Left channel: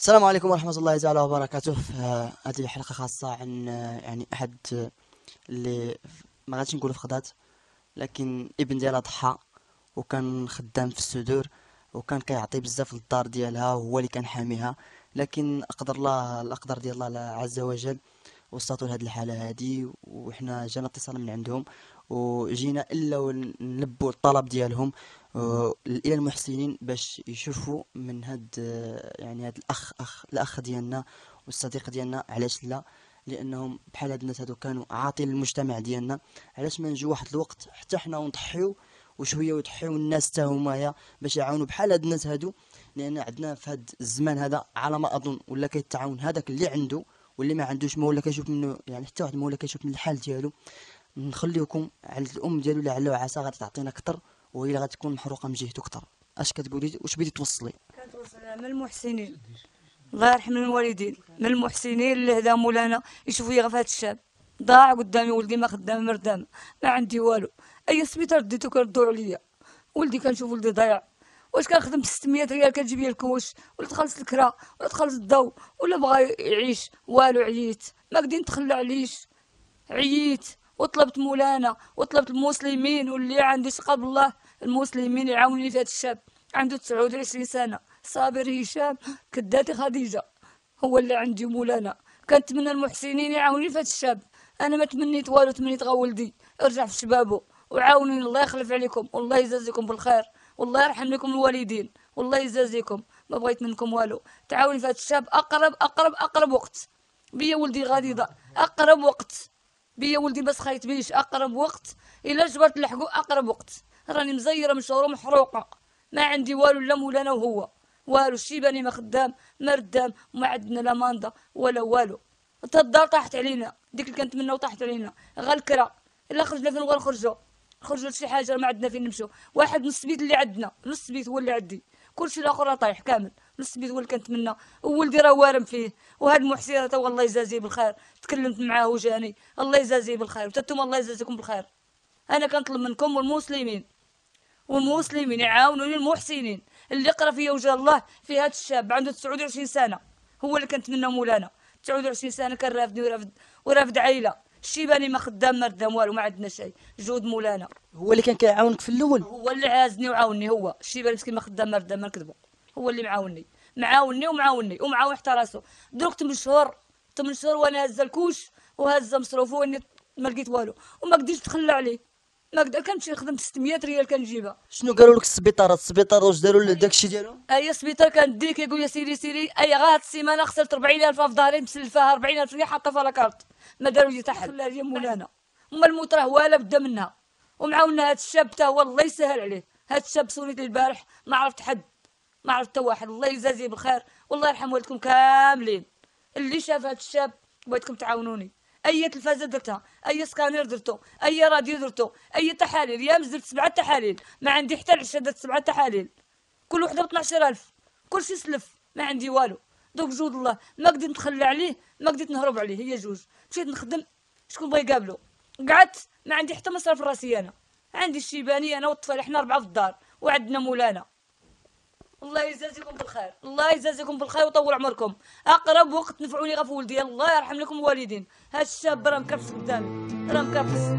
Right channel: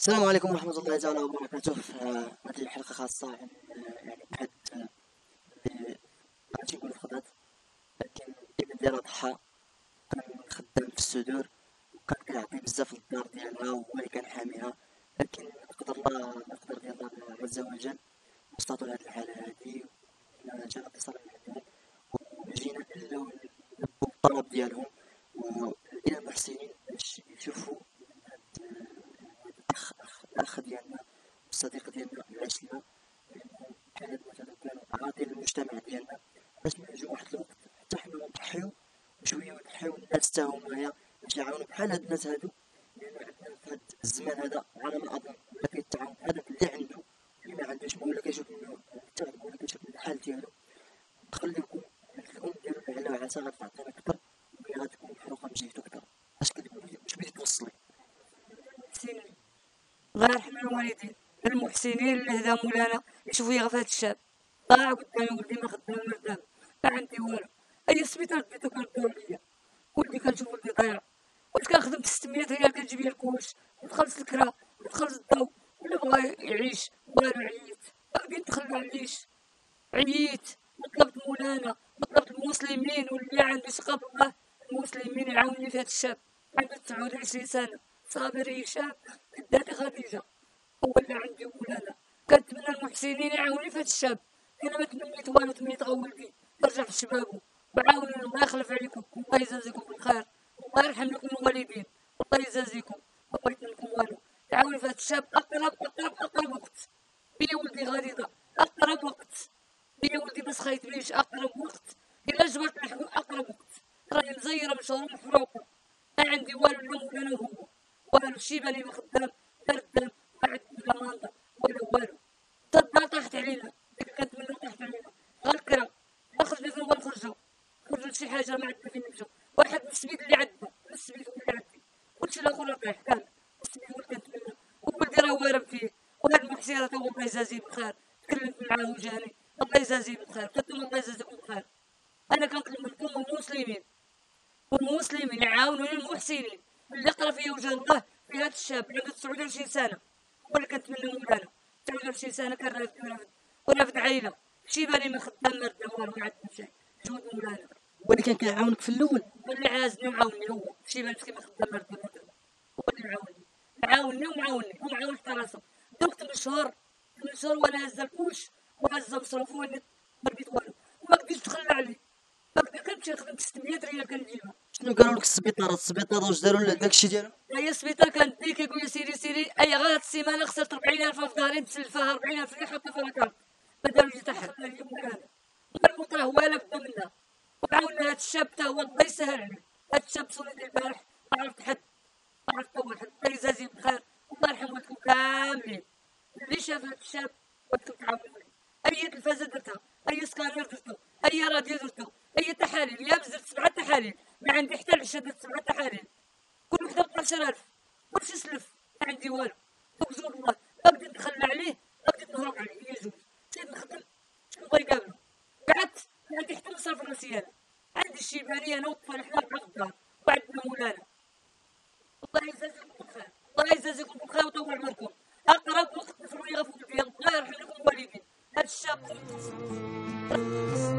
السلام عليكم ورحمة الله تعالى وبركاته. هذه حلقة خاصة عن يعني أحد اللي ما غاديش نقولوا فقدات، لكن ابن ديالها ضحى وكان خدام في الصدور، وكان كيعطي بزاف للدار ديالها وهو اللي كان حاميها. لكن أقدر الله، الأقدار ديال الله عز وجل وصلتوا لهاد الحالة هادي، وحنا جانا اتصال من عندهم وجينا الا ونلبوا الطلب ديالهم الى المحسنين باش يشوفوا من هاد يعني هاد الاخ ديالنا والصديق ديالنا. علاش لا؟ لانهم بحال هاد الناس هادو كانوا عاطين للمجتمع ديالنا. علاش ما نجيو واحد الوقت حتى حنا ونضحيو وشويه ويضحيو الناس حتى هما باش يعاونوا بحال هاد الناس هادو؟ لان عندنا في هاد الزمان هذا على ما اظن ولا كيتعاون هذاك اللي عنده، واللي ما عندوش ما ولا كيشوف منه، يعني حتى واحد ما ولا كيشوف من الحال ديالو. نخليكم على الام ديالو لعل وعسى غادي تعطينا اكثر، وهي اللي غتكون محروقه من جهته اكثر. اش كتقولي؟ واش بغيتي توصلي؟ كنتوصل من المحسنين، الله يرحم الوالدين، من المحسنين اللي هدا مولانا يشوفوا غير في هذا الشاب. ضاع قدامي ولدي، ما خدام مردام، ما عندي والو. اي سبيطار ديتو كردوا عليا، ولدي كنشوف ولدي ضايع. واش كنخدم ب 600 ريال كتجيب لي الكوش ولا تخلص الكرا ولا تخلص الضو ولا بغى يعيش والو؟ عييت، ما قدرت نتخلى عليش، عييت وطلبت مولانا وطلبت المسلمين واللي عنده ثقه بالله المسلمين يعاونوني في هذا الشاب. عنده 29 سنه، صابر هشام كداتي خديجه، هو اللي عندي مولانا. كنتمنى المحسنين يعاونوني في هذا الشاب. انا ما تمنيت والو، تمنيت غا ولدي ارجع في شبابه وعاونوني. الله يخلف عليكم والله يجازيكم بالخير، والله يرحم لكم الوالدين والله يجازيكم. ما بغيت منكم والو، تعاوني في هذا الشاب. اقرب اقرب اقرب وقت بيا ولدي غادي ضاع، اقرب وقت بيا ولدي بس خايت بيش. اقرب وقت الا جبرت لحقو، اقرب وقت. راني مزيره من شهور محروقه، ما عندي والو لا مولانا وهو والو. الشيباني ما خدام ما ردام، وما عندنا لا ماندا ولا والو. حتى الدار طاحت علينا، ديك اللي كنتمناو طاحت علينا. غا الكرا الا خرجنا فين نخرجوا لشي حاجه، ما عندنا فين نمشوا. واحد نص بيت اللي عندنا، نص بيت هو اللي عندي، كلشي الاخر راه طايح كامل. نص بيت هو اللي كنتمنى، وولدي راه وارم فيه. وهاد المحسيره تا والله يجازيه بالخير، تكلمت معاه وجاني، الله يجازيه بالخير وتنتوما الله يجازيكم بالخير. انا كنطلب منكم والمسلمين يعاونوني المحسنين اللي قرا فيا وجه الله في هذا الشاب. عنده 29 سنه، هو اللي كنتمنى مولانا. 29 سنه كان رافدني ورافد عائله. الشيباني ما خدام ما ردام والو، ما عندنا شيء. جود مولانا هو اللي كان كيعاونك في الاول؟ هو اللي عازني وعاوني. هو الشيباني مسكين ما خدام ما ردام، ما نكذبوا. هو اللي معاوني حتى راسو. دروك 8 شهور وانا هازه الكوش وهازه مصروفه، واني ما لقيت والو وما قدرتش نتخلى عليه. ما قدر كنمشي نخدم 600 ريال كنجيبها. شنو قالوا لك السبيطار واش داروا داكشي ديالهم؟ اي سبيطار كندي كيقول لي سيري اي غا هاد السيمانه خسرت 40,000 في ظهري، مسلفاها 40,000 ريال حاطه في لاكارت. ما داروا لي تحل خلى لي مولانا. اما الموت راه والا بدا منها. ومعاونا هاد الشاب تا هو الله يسهل عليه. هاد الشاب سوليت البارح ما عرفت حد، ما عرفت حتى واحد. الله يجازيه بالخير والله يرحم والدكم كاملين. اللي شاف هاد الشاب بغيتكم تعاونوني. اي تلفازه درتها، اي سكانير درتو، اي راديو درتو، اي تحاليل. يا درت 7 تحاليل، ما عندي حتى العشاء. درت 7 تحاليل كل وحده ب 12,000، كلشي سلف، ما عندي والو. دوك جود الله ما قدرت نتخلى عليه، ما قدرت نهرب عليه. هي جوج مشيت نخدم، شكون بغا يقابلو؟ قعدت ما عندي حتى مصرف راسي. انا عندي الشيباني انا والطفل، حنا 4 في الدار وعندنا مولانا. الله يجازيكم بالخير، الله يجازيكم بالخير ويطول عمركم. اقرب وقت نفعوني غا في ولدي، الله يرحم لكم الوالدين. هاد الشاب راه مكرفس قدامي، راه مكرفس.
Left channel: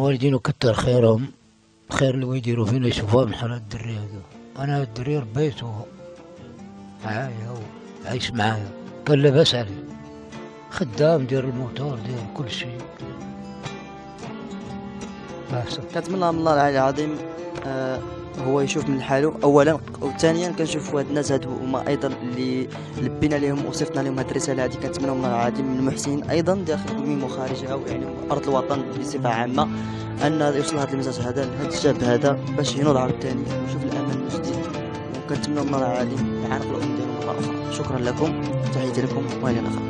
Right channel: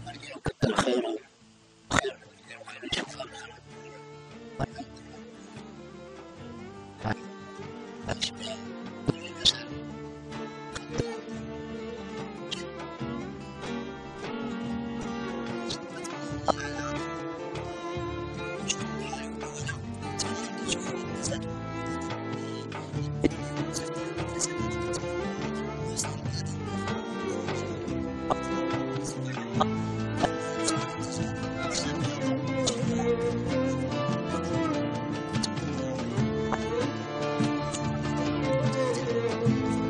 والدين وكتر خيرهم، خير اللي يديروا فينا يشوفوها من حال الدري هذا. انا الدري ربيته معايا وعايش معايا، كان لاباس عليه، خدام ديال الموتور ديال كل شيء. أحسن. كنتمنى من الله العلي العظيم هو يشوف من حاله اولا، وثانيا كنشوف هاد الناس هادو هما ايضا اللي لبينا لهم وصيفطنا لهم هاد الرساله هادي. كنتمنى من الله العظيم من المحسنين ايضا داخل الميم وخارجها ويعني ارض الوطن بصفه عامه ان يوصل هذا المساج هذا لهذا الشاب هذا باش يهينوا العرب الثاني ويشوف العالم جديد. كنتمنى من الله العظيم العافيه. شكرا لكم، تحياتي لكم والى اللقاء.